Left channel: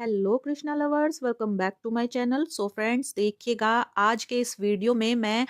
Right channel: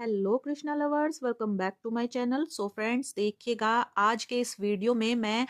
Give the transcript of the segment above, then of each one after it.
Hello Krishna lovers, welcome back to my channel. So friends, देखिएगा आज के इस वीडियो में मैं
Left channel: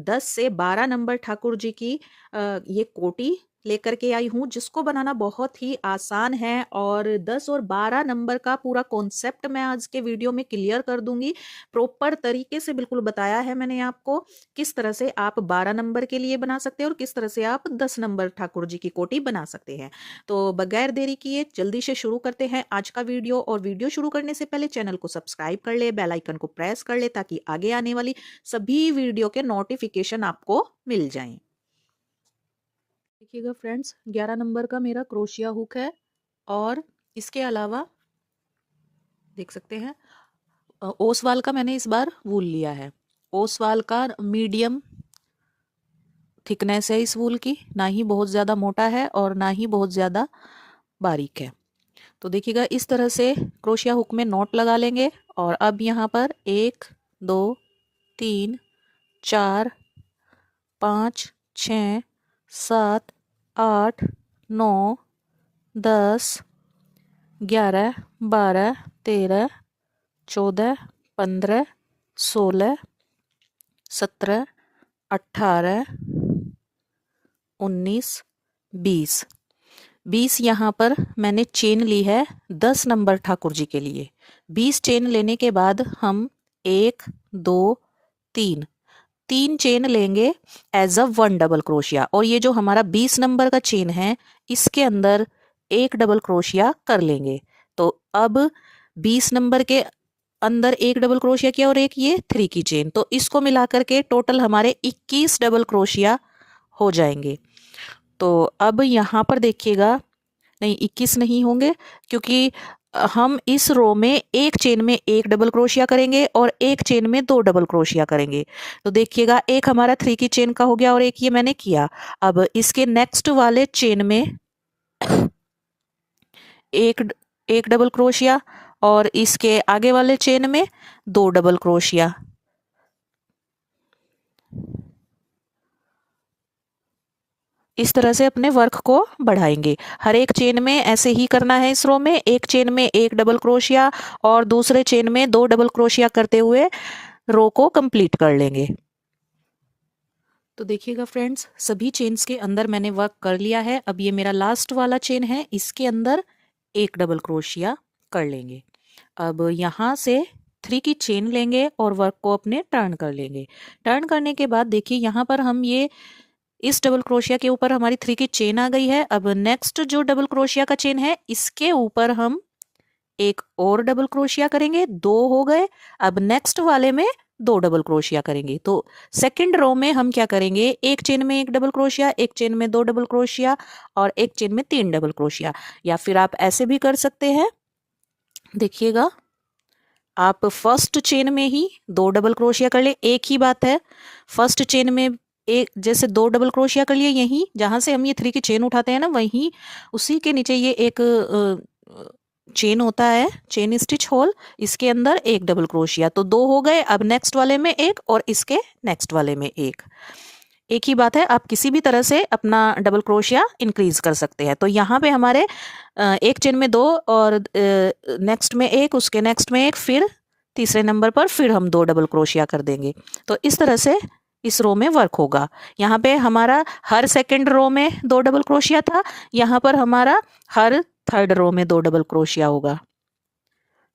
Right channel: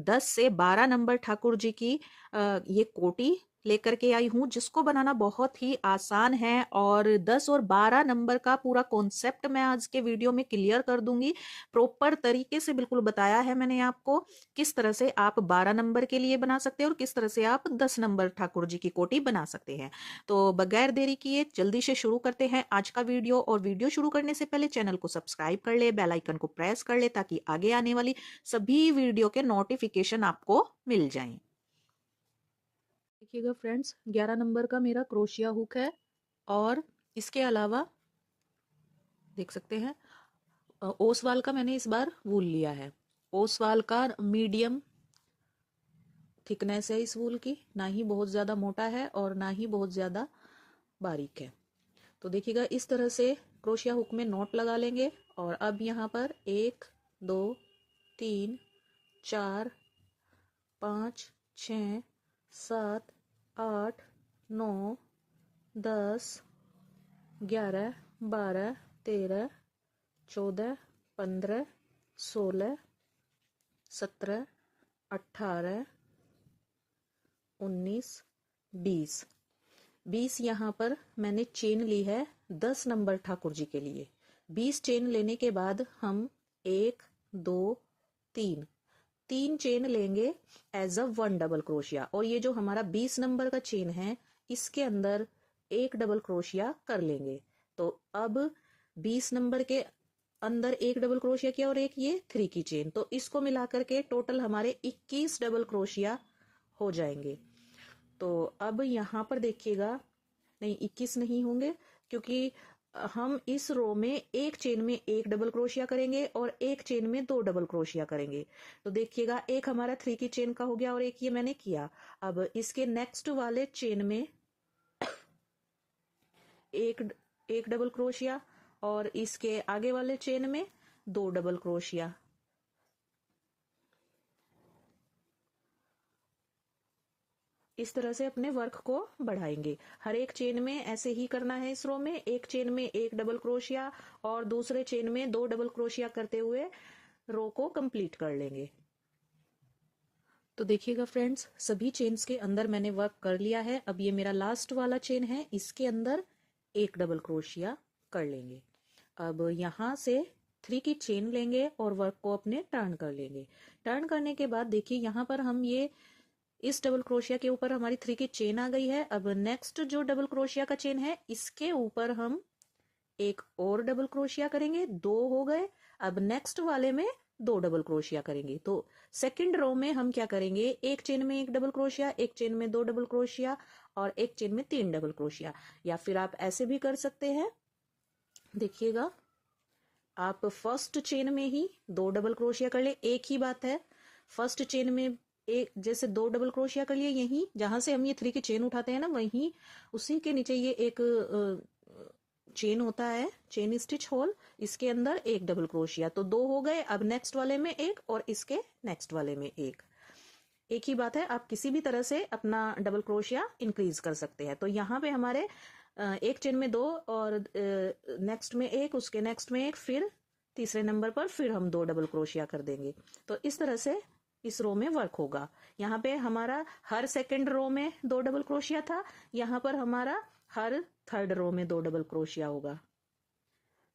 10 से 12 नंबर ठाकुर जी की ये कोटी लेकर के आई हूँ, जिसको बनाना बहुत ही आसान है। और 10 और 12 नंबर का पूरा कॉन्सेप्ट मैं आज के वीडियो में क्लियर कर दूंगी। प्रॉपर तरीके से बिल्कुल बताया है मैंने आपको किस तरह से आप 12 नंबर के लिए बना सकते हैं और किस तरह से आप 10 नंबर ठाकुर जी की कोटी बना सकते हैं। तो बगैर देरी किए जल्दी से शुरू करते हैं आज का वीडियो। और वीडियो शुरू करने से पहले चैनल को सब्सक्राइब कर ले, बेल आइकन को प्रेस कर ले, ताकि आगे आने वाली सभी वीडियो के नोटिफिकेशन आपको मिल जाएं। देखिएगा फ्रेंड्स, 11 नंबर का मेरा क्रोशिया हुक है और इसके अलावा देख सकते हैं ओसवाल का मैंने इस बार वूल लिया है। ओसवाल का मीडियम थिकनेस है इस वूल की, ना ही बहुत ज़्यादा मोटा है और ना ही बहुत ज़्यादा बारीक है। तो देखिएगा इस तरह से क्रोशिया हुक में नॉट लगा लेंगे। और अब यहाँ पर 1 2 3 4 5 6 7 8 9 10 11 12 13 14 15 16 17 18 19 20 20 यहाँ पर मैंने चेन ली है 10 नंबर ठाकुर जी के लिए। 20 चेन लेने के बाद हम 1 2 3 3 चेन लेंगे एज अ 1 डबल क्रोशिया। और ये जो हमारा 20 नंबर का चेन है, इसके अंदर एक डबल क्रोशिया कर लेंगे। तो अब 20 नंबर के अंदर एक डबल क्रोशिया किया और एक ये 3 की चेन, तो इसको मिलाकर के टोटल हमारे 21 डबल क्रोशिया हो जाएंगे। तो अब यहाँ पर देखिएगा, नहीं 21 नहीं होंगे, क्योंकि हम इस रो में एक चेन में एक डबल क्रोशिया करेंगे और एक चेन में 2 डबल क्रोशिया करेंगे। तो देखिएगा एक हमारा 3 की चेन का हो गया और एक ये मैंने किया। अब इसके नेक्स्ट वाले चेन में एक एक डबल क्रोशिया और इसके आगे वाले चेन में 2 डबल क्रोशिया। इस तरह से अपने वर्क को बढ़ाएंगे। हर एक चेन में ऐसे ही करना है। इस रो में एक चेन में एक डबल क्रोशिया और दूसरे चेन में 2 डबल क्रोशिया करते हुए रो को कंप्लीट कर लेंगे। तो देखिएगा फ्रेंड्स, सभी चेन्स के अंदर मैंने वर्क कर लिया है। अब ये मेरा लास्ट वाला चेन है, इसके अंदर एक डबल क्रोशिया कर लेंगे। अब यहाँ से 3 की चेन लेंगे और वर्क को अपने टर्न कर लेंगे। टर्न करने के बाद देखिए यहाँ पर हम ये इस डबल क्रोशिया के ऊपर हमारी 3 की चेन आ गई है। अब नेक्स्ट जो डबल क्रोशिया का चेन है, इसके ऊपर हम एक और डबल क्रोशिया करेंगे, 2 हो गए। अब नेक्स्ट वाले में 2 डबल क्रोशिया करेंगे। तो सेकंड रो में हम क्या करेंगे, एक चेन में एक डबल क्रोशिया, एक चेन में 2 डबल क्रोशिया और एक चेन में 3 डबल क्रोशिया। या फिर आप ऐसे भी कर सकते हैं। देखिएगा, आप फर्स्ट चेन में ही 2 डबल क्रोशिया कर ले, एक ही बात है। फर्स्ट चेन में एक जैसे 2 डबल क्रोशिया कर लिए, यहीं जहां से हम ये 3 की चेन उठाते हैं ना, वहीं उसी के नीचे ये एक चेन होता है, चेन स्टिच होल, इसके अंदर एक डबल क्रोशिया। तो 2 हो गए। अब नेक्स्ट वाले में एक और इसके नेक्स्ट वाले में एक ही बात है। आप किसी भी तरह से अपना डबल क्रोशिया इंक्रीज कर सकते हैं। तो यहाँ पे हमारे एक चेन में 2 और नेक्स्ट में एक, उसके नेक्स्ट में एक, फिर तीसरे नंबर पर फिर हम 2 डबल क्रोशिया कर देंगे। तो इस तरह से इस रो में वर्क होगा। यहाँ पे हमारा हर सेकंड रो में 2 डबल क्रोशिया था, यहाँ पर हमारा हर थर्ड रो में 2 डबल क्रोशिया होगा।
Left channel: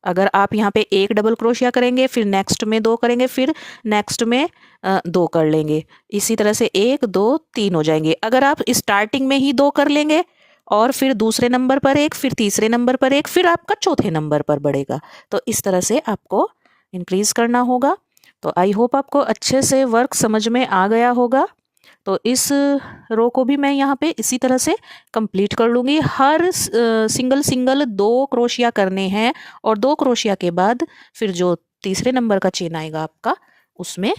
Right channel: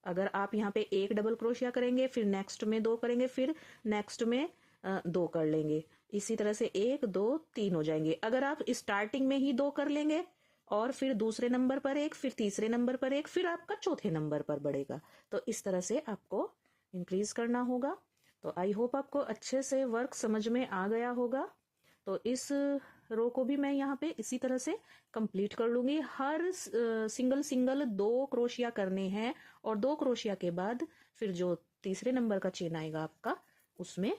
अगर आप यहाँ पे एक डबल क्रोशिया करेंगे, फिर नेक्स्ट में 2 करेंगे, फिर नेक्स्ट में 2 कर लेंगे, इसी तरह से 1 2 3 हो जाएंगे। अगर आप स्टार्टिंग में ही 2 कर लेंगे और फिर दूसरे नंबर पर एक, फिर तीसरे नंबर पर एक, फिर आपका चौथे नंबर पर बढ़ेगा। तो इस तरह से आपको इंक्रीज करना होगा। तो आई होप आपको अच्छे से वर्क समझ में आ गया होगा। तो इस रो को भी मैं यहाँ पे इसी तरह से कंप्लीट कर लूँगी। हर सिंगल सिंगल 2 क्रोशिया करने हैं और 2 क्रोशिया के बाद फिर जो तीसरे नंबर का चेन आएगा आपका, उसमें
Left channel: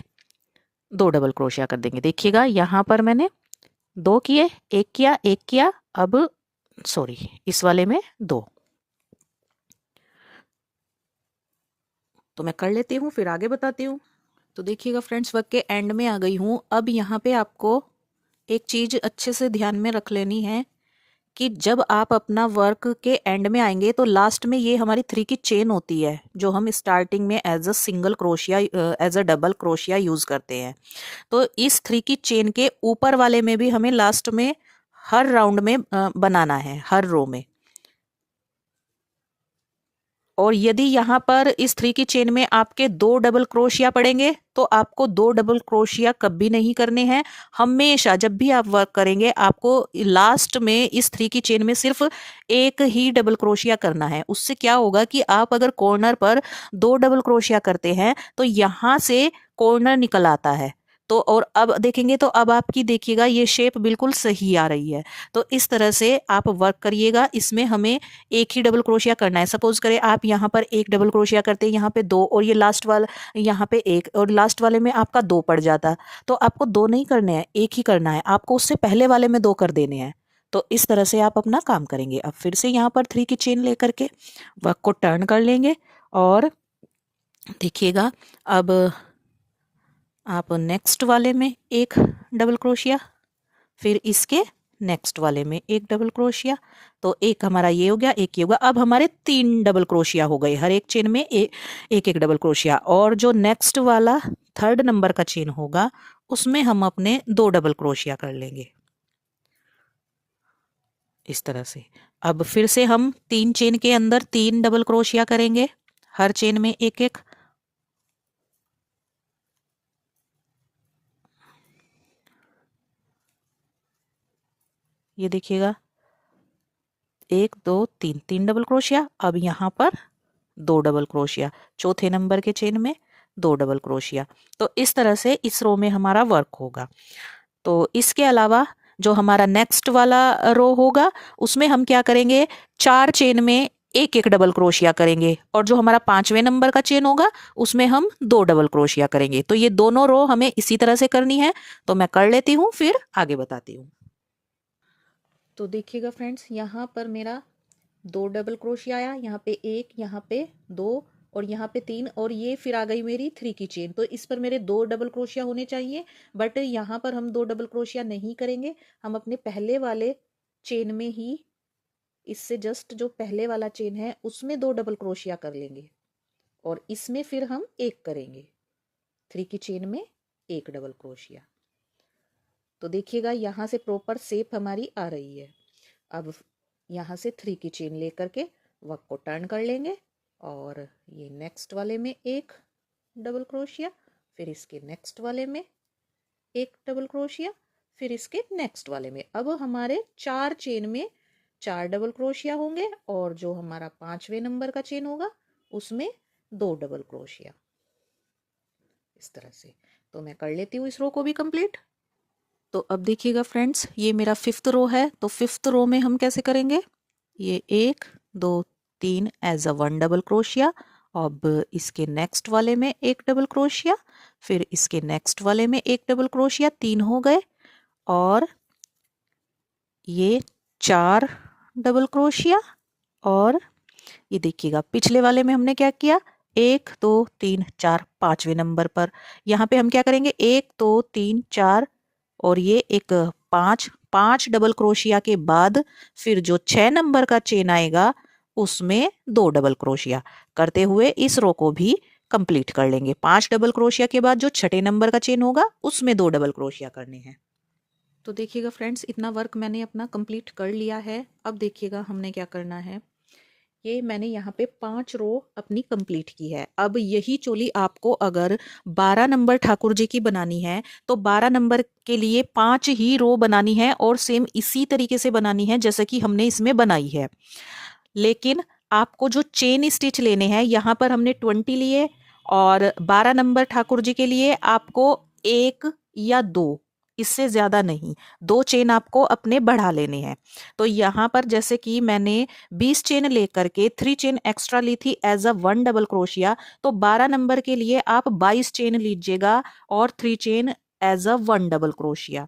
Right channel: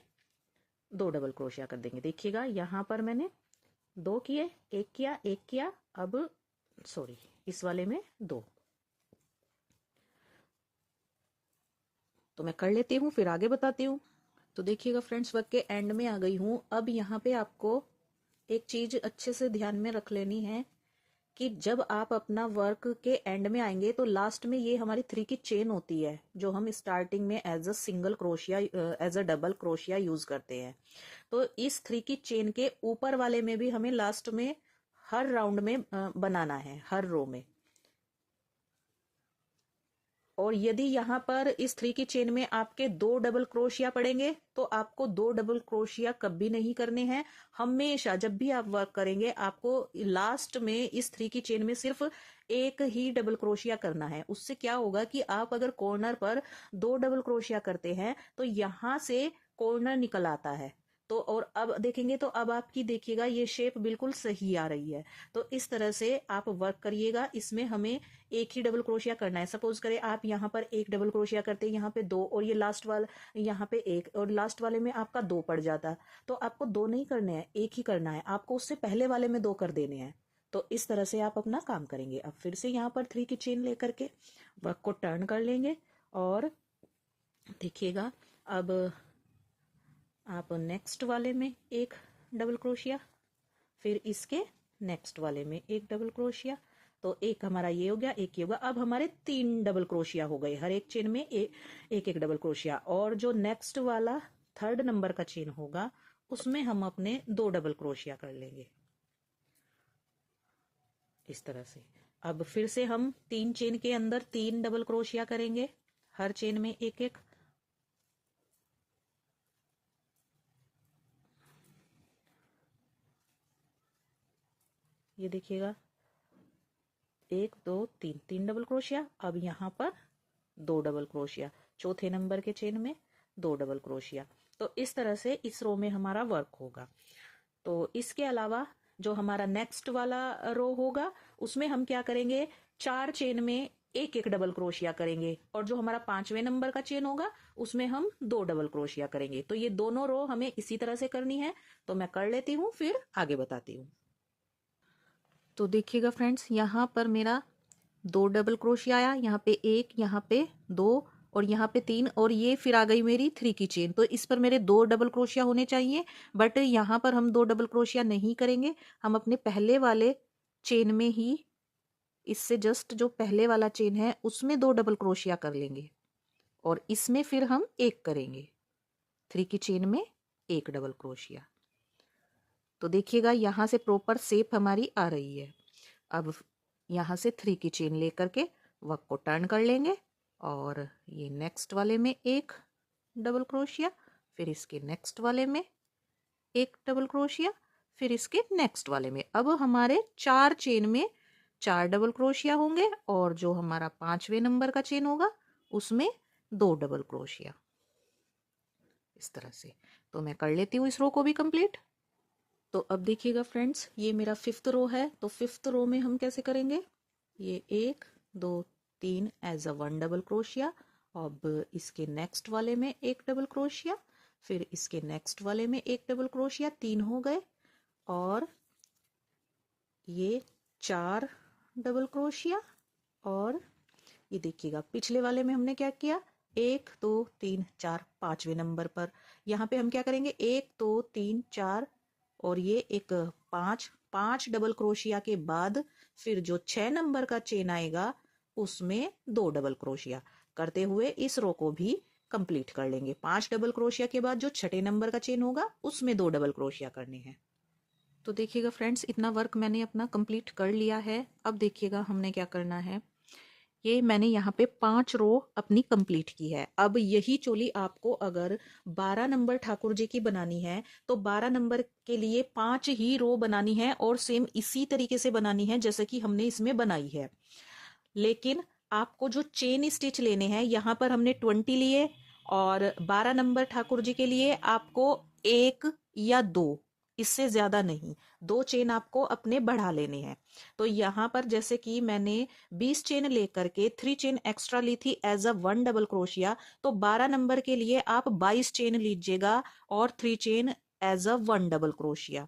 2 डबल क्रोशिया कर देंगे। देखिएगा यहाँ पर मैंने 2 किए, एक किया, एक किया, अब सॉरी इस वाले में 2। तो मैं कर लेती हूँ, फिर आगे बताती हूँ। तो देखिएगा फ्रेंड्स, वर्क के एंड में आ गई हूँ। अब यहाँ पे आपको एक चीज़ अच्छे से ध्यान में रख लेनी है कि जब आप अपना वर्क के एंड में आएंगे तो लास्ट में ये हमारी 3 की चेन होती है, जो हम स्टार्टिंग में as a single crochet as a double crochet use करते हैं। तो इस 3 की चेन के ऊपर वाले में भी हमें लास्ट में हर राउंड में बनाना है, हर रो में। और यदि यहाँ पर इस 3 की चेन में आपके 2 डबल क्रोशिया पड़ेंगे तो आपको 2 डबल क्रोशिया कभी नहीं करने हैं। हमेशा जब भी आप वर्क करेंगे आपको लास्ट में इस 3 की चेन में सिर्फ एक ही डबल क्रोशिया करना है। उससे क्या होगा कि आप अगर कॉर्नर पर 2 डबल क्रोशिया करते हैं तो यहाँ से कॉर्नर निकल आता है। तो और अब देखेंगे तो अब आपकी देखिएगा ये शेप बिल्कुल सही आ रही है। तो इस तरह से आप वर्क करिएगा। इसमें हमें एक ही डबल क्रोशिया करना है। सपोज करें आप यहाँ पर एक डबल क्रोशिया करते हैं, यहाँ पे 2 और ये लास्ट वाला यहाँ पे 1 और लास्ट वाले में आपका 2 पड़ जाता, तो आपको 2 नहीं करने हैं, एक ही करना है। आपको उससे पहले वाले में 2 कर देने हैं। तो इस तरह से आप अपना काम करेंगे। अब फिर से यहाँ पर 3 की चेन लेकर के वर्क को टर्न कर लेंगे और देखिएगा अब आप नेक्स्ट वाले में एक डबल क्रोशिया, फिर इसके नेक्स्ट वाले में एक डबल क्रोशिया। तो एक हमारा ये हो गया, एक ये होगा। अब हमारे 3 डबल क्रोशिया हो गए, हर एक चेन में एक एक डबल क्रोशिया। और जो नेक्स्ट वाला 3rd नंबर का चेन होगा उसमें हम अपने 2 डबल क्रोशिया कर लेंगे इस तरह से। अब फिर से हम 3 चेन के अंदर 3 डबल क्रोशिया करेंगे, हर चेन में एक एक। ये देखिएगा 1 2 3 3 डबल क्रोशिया। अब यहाँ पर 2 डबल क्रोशिया, चौथे नंबर के चेन में 2 डबल क्रोशिया। तो इस तरह से इस रो में हमारा वर्क होगा। तो इसके अलावा जो हमारा नेक्स्ट वाला रो होगा उसमें हम क्या करेंगे, 4 चेन में एक एक डबल क्रोशिया करेंगे। और जो हमारा 5वें नंबर का चेन होगा उसमें हम 2 डबल क्रोशिया करेंगे। तो ये दोनों रो हमें इसी तरह से करनी है। तो मैं कर लेती हूँ, फिर आगे बताती हूँ। तो देखिएगा फ्रेंड्स, यहाँ पर मेरा 2 डबल क्रोशिया आया, यहाँ पे 1, यहाँ पे 2 और यहाँ पे 3, और ये फिर आ गई मेरी 3 की चेन। तो इस पर मेरे 2 डबल क्रोशिया होने चाहिए, बट यहाँ पर हम 2 डबल क्रोशिया नहीं करेंगे। हम अपने पहले वाले चेन में ही, इससे जस्ट जो पहले वाला चेन है उसमें 2 डबल क्रोशिया कर लेंगे और इसमें फिर हम एक करेंगे, 3 की चेन में एक डबल क्रोशिया। तो देखिएगा यहाँ से प्रॉपर शेप हमारी आ रही है। अब यहाँ से 3 की चेन लेकर के वर्क को टर्न कर लेंगे और ये नेक्स्ट वाले में एक डबल क्रोशिया, फिर इसके नेक्स्ट वाले में एक डबल क्रोशिया, फिर इसके नेक्स्ट वाले में। अब हमारे 4 चेन में 4 डबल क्रोशिया होंगे और जो हमारा 5वें नंबर का चेन होगा उसमें 2 डबल क्रोशिया, इस तरह से। तो मैं कर लेती हूँ इस रो को भी कंप्लीट। तो अब देखिएगा फ्रेंड्स, ये मेरा 5th रो है। तो 5th रो में हम कैसे करेंगे, ये 1 2 3 एज अ 1 डबल क्रोशिया। अब इसके नेक्स्ट वाले में एक डबल क्रोशिया, फिर इसके नेक्स्ट वाले में एक डबल क्रोशिया, 3 हो गए। और ये 4 डबल क्रोशिया। और ये देखिएगा पिछले वाले में हमने क्या किया, 1 2 3 4, 5वें नंबर पर यहाँ पे हम क्या करेंगे, 1 2 3 4 और ये एक 5 डबल क्रोशिया के बाद फिर जो 6 नंबर का चेन आएगा उसमें 2 डबल क्रोशिया करते हुए इस रो को भी कंप्लीट कर लेंगे। 5 डबल क्रोशिया के बाद जो 6ठे नंबर का चेन होगा उसमें 2 डबल क्रोशिया करने हैं। तो देखिएगा फ्रेंड्स, इतना वर्क मैंने अपना कंप्लीट कर लिया है। अब देखिएगा हमने क्या करना है, ये मैंने यहाँ पे 5 रो अपनी कंप्लीट की है। अब यही चोली आपको अगर 12 नंबर ठाकुर जी की बनानी है तो 12 नंबर के लिए 5 ही रो बनानी है और सेम इसी तरीके से बनानी है जैसे कि हमने इसमें बनाई है। लेकिन आपको जो चेन स्टिच लेने हैं, यहाँ पर हमने 20 लिए और 12 नंबर ठाकुर जी के लिए आपको 1 या 2, इससे ज़्यादा नहीं, 2 चेन आपको अपने बढ़ा लेने हैं। तो यहाँ पर जैसे कि मैंने 20 चेन लेकर के 3 चेन एक्स्ट्रा ली थी एज अ 1 डबल क्रोशिया, तो 12 नंबर के लिए आप 22 चेन लीजिएगा और 3 chain as a 1 double crochet.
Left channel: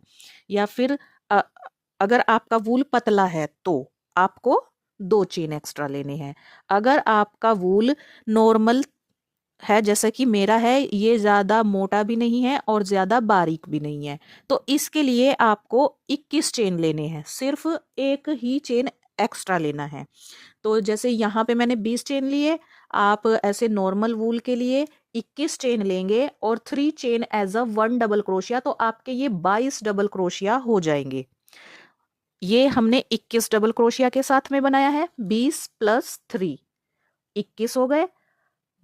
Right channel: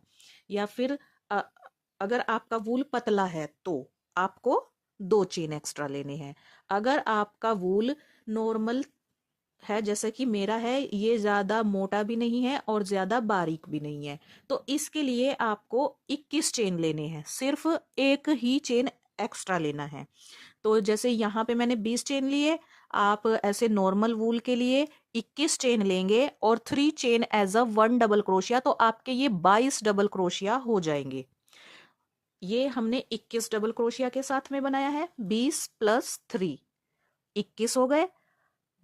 या फिर अगर आपका वूल पतला है तो आपको 2 चेन एक्स्ट्रा लेने हैं। अगर आपका वूल नॉर्मल है, जैसा कि मेरा है, ये ज़्यादा मोटा भी नहीं है और ज़्यादा बारीक भी नहीं है। तो इसके लिए आपको 21 चेन लेने हैं, सिर्फ एक ही चेन एक्स्ट्रा लेना है। तो जैसे यहाँ पे मैंने 20 चेन लिए, आप ऐसे नॉर्मल वूल के लिए 21 चेन लेंगे और 3 chain as a 1 double crochet, तो आपके ये 22 डबल क्रोशिया हो जाएंगे। ये हमने 21 डबल क्रोशिया के साथ में बनाया है। 20 प्लस 3 21 हो गए।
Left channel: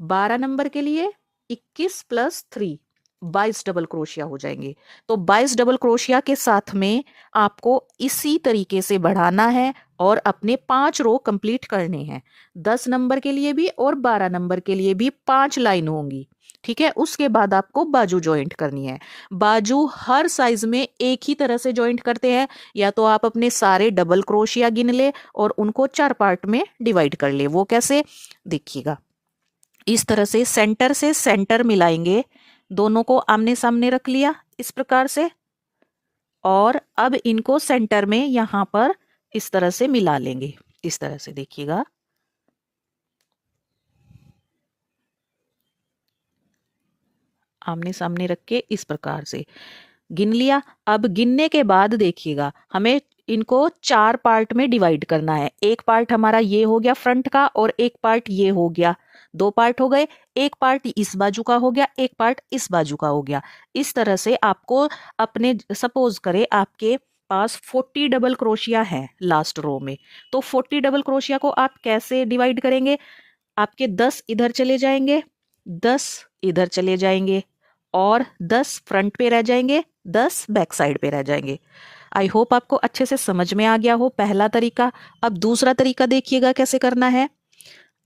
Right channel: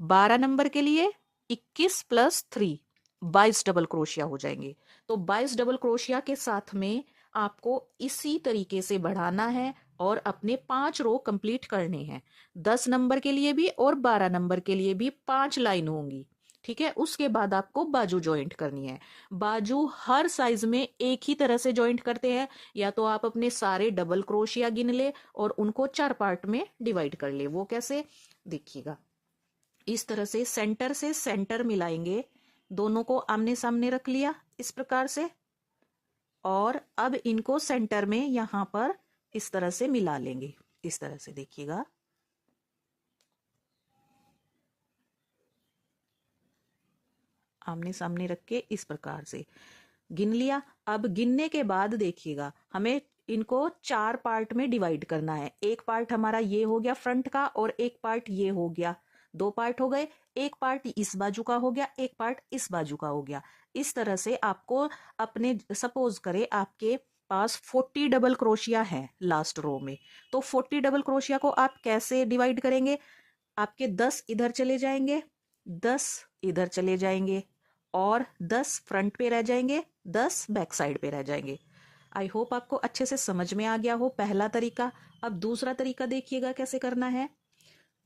12 नंबर के लिए 21 प्लस 3 22 डबल क्रोशिया हो जाएंगे। तो 22 डबल क्रोशिया के साथ में आपको इसी तरीके से बढ़ाना है और अपने 5 रो कंप्लीट करने हैं। 10 नंबर के लिए भी और 12 नंबर के लिए भी 5 लाइन होंगी। ठीक है, उसके बाद आपको बाजू ज्वाइंट करनी है। बाजू हर साइज में एक ही तरह से ज्वाइंट करते हैं, या तो आप अपने सारे डबल क्रोशिया गिन ले और उनको 4 पार्ट में डिवाइड कर ले। वो कैसे, देखिएगा। इस तरह से सेंटर मिलाएंगे, दोनों को आमने सामने रख लिया इस प्रकार से, और अब इनको सेंटर में यहां पर इस तरह से मिला लेंगे। इस तरह से देखिएगा, आमने सामने रख के इस प्रकार से गिन लिया। अब गिनने के बाद देखिएगा, हमें इनको 4 पार्ट में डिवाइड करना है। एक पार्ट हमारा ये हो गया फ्रंट का और एक पार्ट ये हो गया, 2 पार्ट हो गए। एक पार्ट इस बाजू का हो गया, एक पार्ट इस बाजू का हो गया। इस तरह से आपको अपने, सपोज करें आपके पास 40 डबल क्रोशिया है लास्ट रो में, तो 40 डबल क्रोशिया को आप कैसे डिवाइड करेंगे? आपके 10 इधर चले जाएंगे, 10 इधर चले जाएंगे और 10 फ्रंट पे रह जाएंगे, 10 बैक साइड पे रह जाएंगे। आई होप आपको अच्छे से समझ में आ गया हो पहला तरीका। अब दूसरा तरीका देखिएगा कैसे करना है।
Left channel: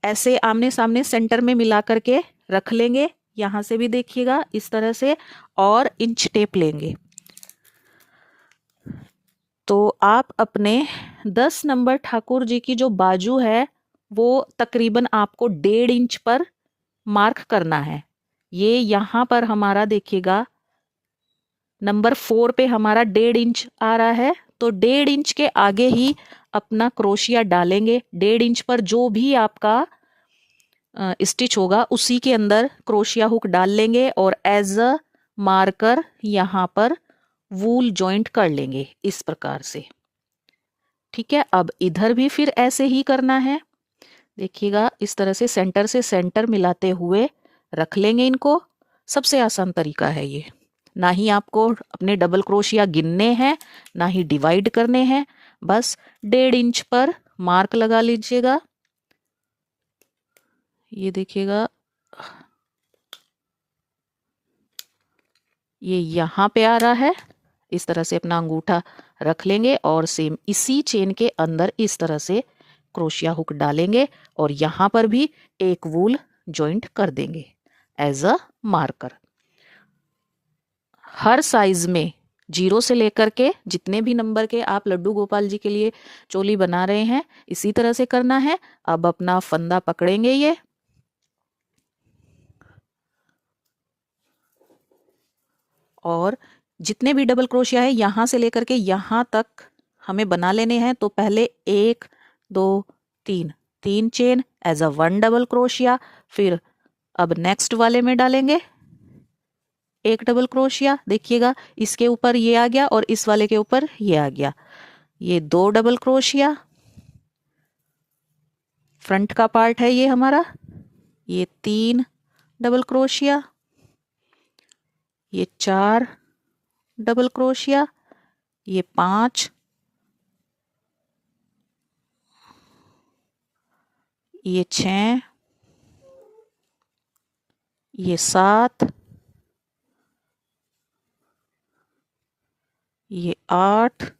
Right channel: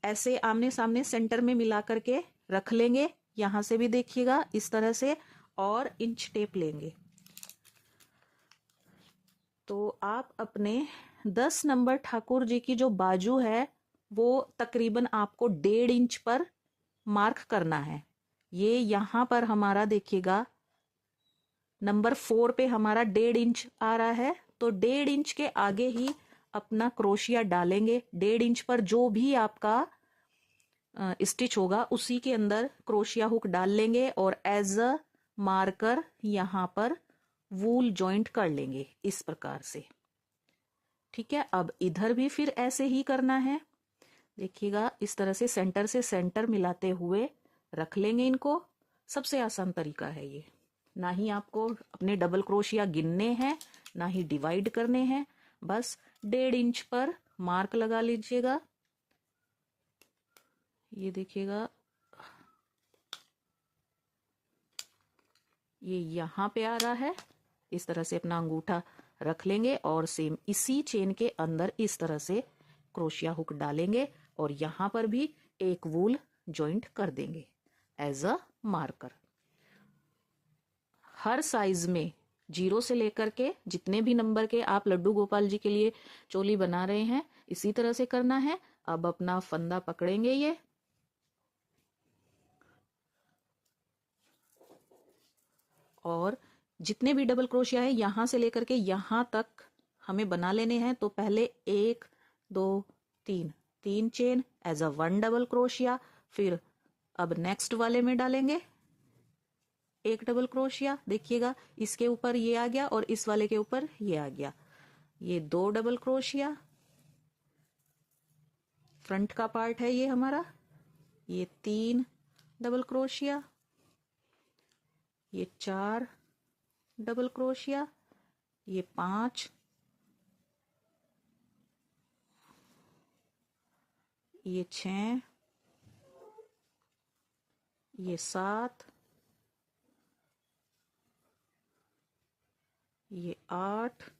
ऐसे आमने सामने सेंटर में मिला करके रख लेंगे, यहां से भी देखिएगा इस तरह से, और इंच टेप लेंगे। तो आप अपने 10 नंबर ठाकुर जी की जो बाजू है वो तकरीबन आपको 1.5 इंच पर मार्क करना है। ये यहाँ पर हमारा देखिएगा नंबर 4 पे हमारा 1.5 इंच आ रहा है, तो 1.5 इंच के आगे ही अपना क्रोशिया डालेंगे। 1.5 इंच पर जो भी आपका स्टिच होगा उसी के अंदर क्रोशिया हुक डाल लेंगे और एज अ मार्कर यहाँ पर वूल जॉइंट कर लेंगे इस प्रकार से। ठीक है, अब इधर भी फिर ऐसे ही करना है। देखिएगा इस तरह से सेंटर मिलाते हुए रख लेंगे इनको। सबसे आसान तरीका है ये, ना ही आपको अपने डबल क्रोशिया गिनने हैं ना ही डिवाइड करने हैं, बस 1.5 इंच पर मार्क लगा लीजिएगा। ये देखिएगा, ये यहाँ पे आ रहा है। इस तरह से अपना अंगूठा रख लेंगे और सेम इसी चेन के अंदर इस तरह से क्रोशिया हुक डालेंगे और यहाँ पर भी एक वूल जॉइंट कर देंगे एज अ मार्कर। हर साइज में 0 से लेकर के जितने भी नंबर के आप लड्डू गोपाल जी के लिए चोली बना रहे हैं इसी तरह से करना है। अब अपना फंदा पकड़ेंगे ये, और जितने भी डबल क्रोशिया है यहाँ से लेकर के यहाँ तक हमें बना लेने हैं। तो पहले 1 2 3 3 chain as a 1 double crochet, फिर अब नेक्स्ट वाले में डालेंगे 1 डबल क्रोशिया। देखिएगा इसके ऊपर ये आ गया और इस वाले के ऊपर ये आ गया, ये 2 डबल क्रोशिया। फ्रंट का पार्ट है ये हमारा, ये 3 डबल क्रोशिया, ये 4 डबल क्रोशिया, ये 5, ये 6, ये 7, ये 8,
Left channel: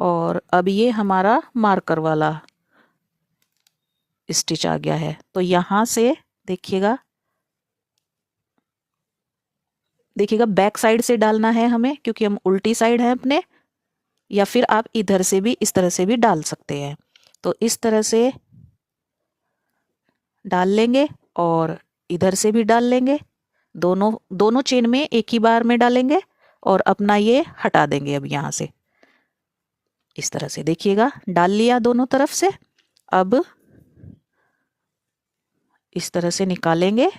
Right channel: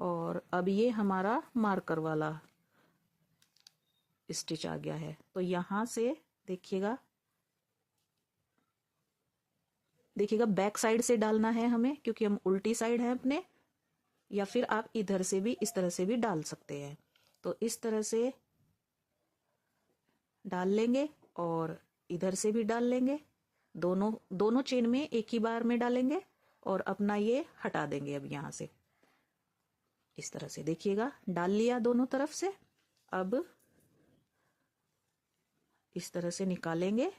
और अब ये हमारा मार्कर वाला स्टिच आ गया है। तो यहाँ से देखिएगा बैक साइड से डालना है हमें क्योंकि हम उल्टी साइड है अपने, या फिर आप इधर से भी इस तरह से भी डाल सकते हैं। तो इस तरह से डाल लेंगे और इधर से भी डाल लेंगे, दोनों चेन में एक ही बार में डालेंगे और अपना ये हटा देंगे। अब यहाँ से इस तरह से देखिएगा डाल लिया दोनों तरफ से। अब इस तरह से निकालेंगे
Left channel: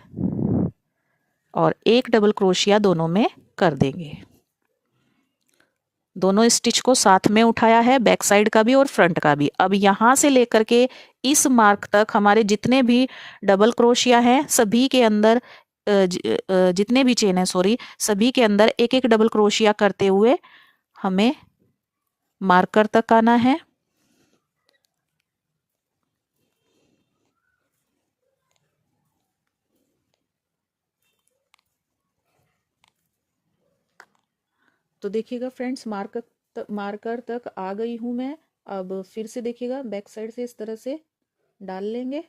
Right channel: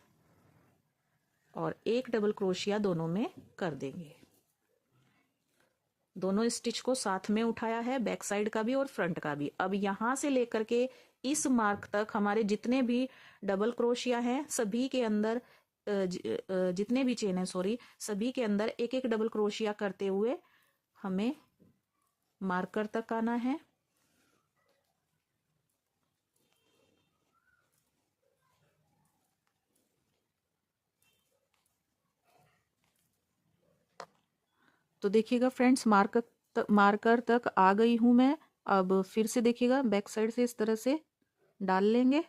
और एक डबल क्रोशिया दोनों में कर देंगे। दोनों स्टिच को साथ में उठाया है, बैक साइड का भी और फ्रंट का भी। अब यहाँ से लेकर के इस मार्क तक हमारे जितने भी डबल क्रोशिया हैं सभी के अंदर जितने भी चेन है सॉरी, सभी के अंदर एक एक डबल क्रोशिया करते हुए हमें मार्कर तक आना है। तो देखिएगा फ्रेंड्स, मार्कर तक आ गई हूँ मैं। अब फिर से देखिएगा बैक साइड से इस तरह से डाल लेंगे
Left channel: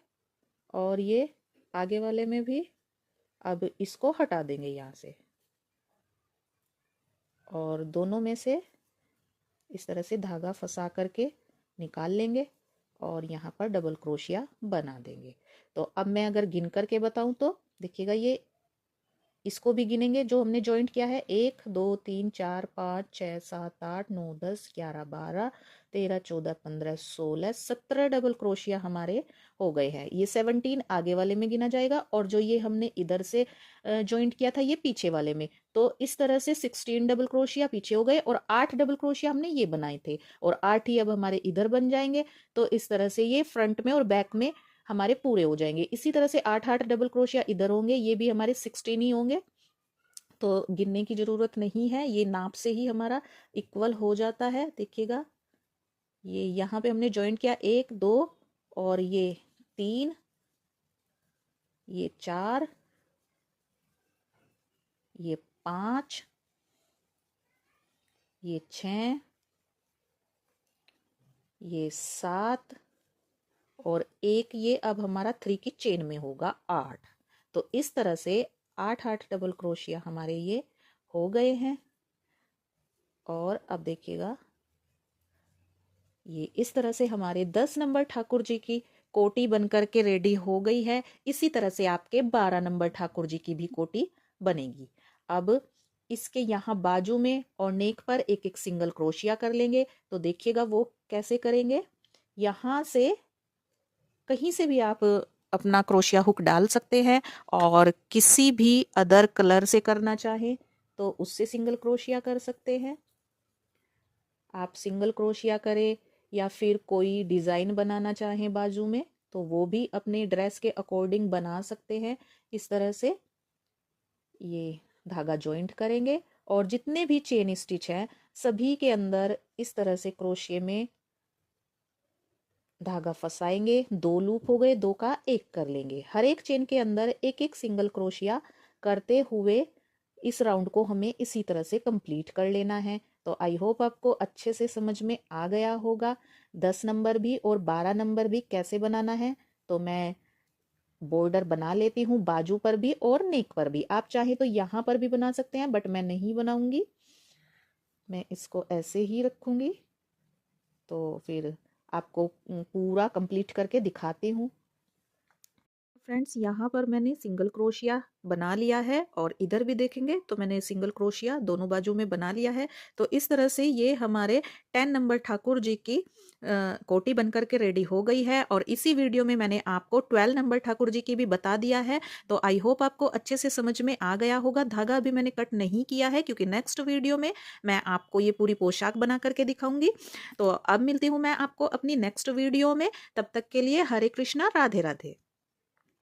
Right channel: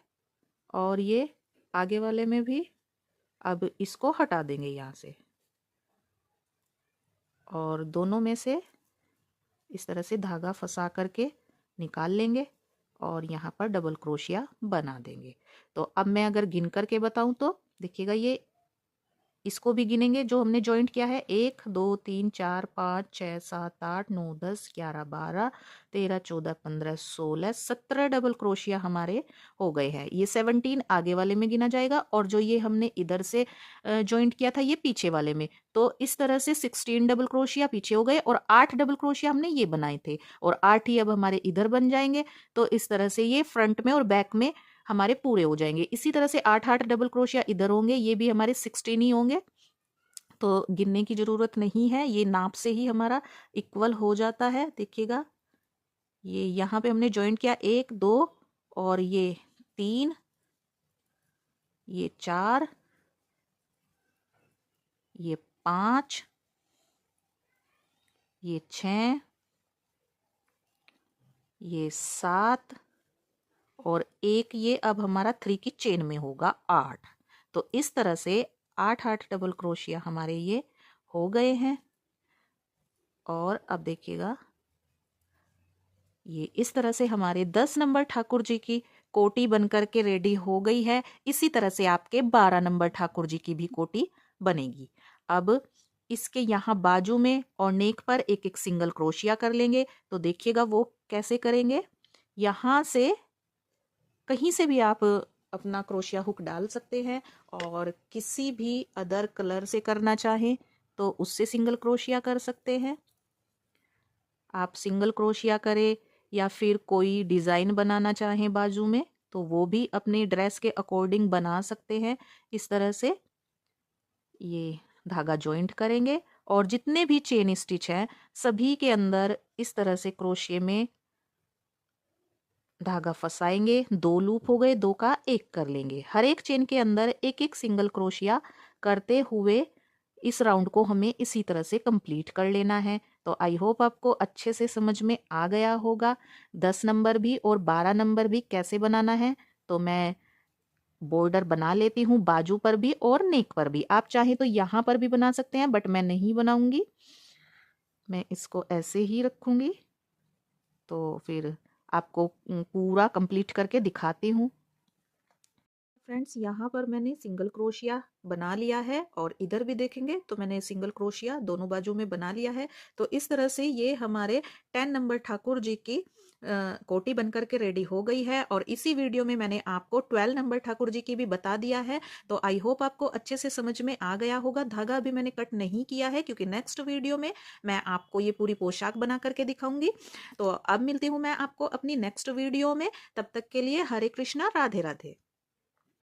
और ये आगे वाले में भी अब इसको हटा देंगे यहाँ से और दोनों में से इस तरह से धागा फंसा करके निकाल लेंगे और यहाँ पर डबल क्रोशिया बना देंगे। तो अब मैं अगर गिन करके बताऊं तो देखिएगा, ये इसको भी गिनेंगे जो हमने ज्वाइंट किया है, 1 2 3 4 5 6 7 8 9 10 11 12 13 14 15 16 17 डबल क्रोशिया हमारे हो गए हैं। ये 17 आगे वाले में गिना जाएगा और जो ये हमने इधर से ज्वाइंट किया था ये पीछे वाले में। तो इस तरह से 16 डबल क्रोशिया पीछे हो गए और 8 डबल क्रोशिया हमने ये बनाए थे और 8 ही अब हमारे इधर बन जाएंगे। तो इस तरह से ये फ्रंट में और बैक में हमारे पूरे हो जाएंगे। इसी तरह से 8 डबल क्रोशिया इधर होंगे, ये भी हमारे 16 ही होंगे। तो गिनने की जरूरत नहीं है, ये नाप से ही हमारा इक्वल हो जाता है। देखिएगा, ये यहाँ पे हमने ज्वाइंट किया 1 2 और ये 3, ये 4, ये 5, ये 6, ये 7 और एक ये अब हमारा 3 की चेन में होगा 8। तो इस तरह से 8 डबल क्रोशिया हमारे ये हो गए हैं। और अब देखिएगा, ये इस तरह से हमारे 10 नंबर ठाकुर जी की कोटी बनकर के रेडी हो गई है। इसी तरह से आपके 12 नंबर ठाकुर जी की भी कोटी बनेगी। अब इसके यहाँ बाजू में और नेक पर एक एक सिंगल क्रोशिया कर लेंगे। तो देखिएगा वो कैसे करेंगे। यहाँ से कहीं से भी आप अपना क्रोशिया हुक डाल सकते हैं और किसी भी अदर कलर से करना चाहें तो उससे सिंगल क्रोशिया कर सकते हैं। आप सिंगल क्रोशिया करें या फिर कोई डिज़ाइन बनाना चाहें बाजू में तो वो भी अपने ड्रेस के अकॉर्डिंग बना सकते हैं। इस तरह से ये धागा जॉइंट करेंगे और जितने भी चेन स्टिच है सभी के अंदर इस तरह से क्रोशिया में धागा फंसाएंगे। 2 लूप हो गए, 2 का 1 कर लेंगे। हर एक चेन के अंदर एक एक सिंगल क्रोशिया करते हुए इस राउंड को हमें इसी तरह से कंप्लीट कर लेना है। तो आई होप आपको अच्छे से समझ में आ गया होगा। 10 नंबर भी और 12 नंबर भी कैसे बनाना है तो मैं बॉर्डर बना लेती हूँ बाजू पर भी और नेक पर भी। आप चाहे तो यहाँ पर भी बना सकते हैं बट मैं नहीं बनाऊंगी, मैं इसको ऐसे ही रखूंगी। तो फिर आपको पूरा कंप्लीट करके दिखाती हूँ। फ्रेंड्स, यहाँ पर मैंने सिंगल क्रोशिया बना लिया है और इधर भी देखेंगे तो मैंने सिंगल क्रोशिया दोनों बाजू में बना लिया है। तो इस तरह से ये हमारे 10 नंबर ठाकुर जी की कोटी बनकर के रेडी हो गई है। और इसी वीडियो में मैंने आपको 12 नंबर ठाकुर जी की भी बता दिया है। तो आई होप आपको अच्छे से समझ में आ गया होगा। धागा अभी मैंने कट नहीं किया है क्योंकि नेक्स्ट वीडियो में मैं आपको ये पूरी पोशाक बना करके दिखाऊंगी। तो अब मिलती हूँ मैं आपको अपनी नेक्स्ट वीडियो में। तब तक के लिए हरे कृष्णा, राधे राधे।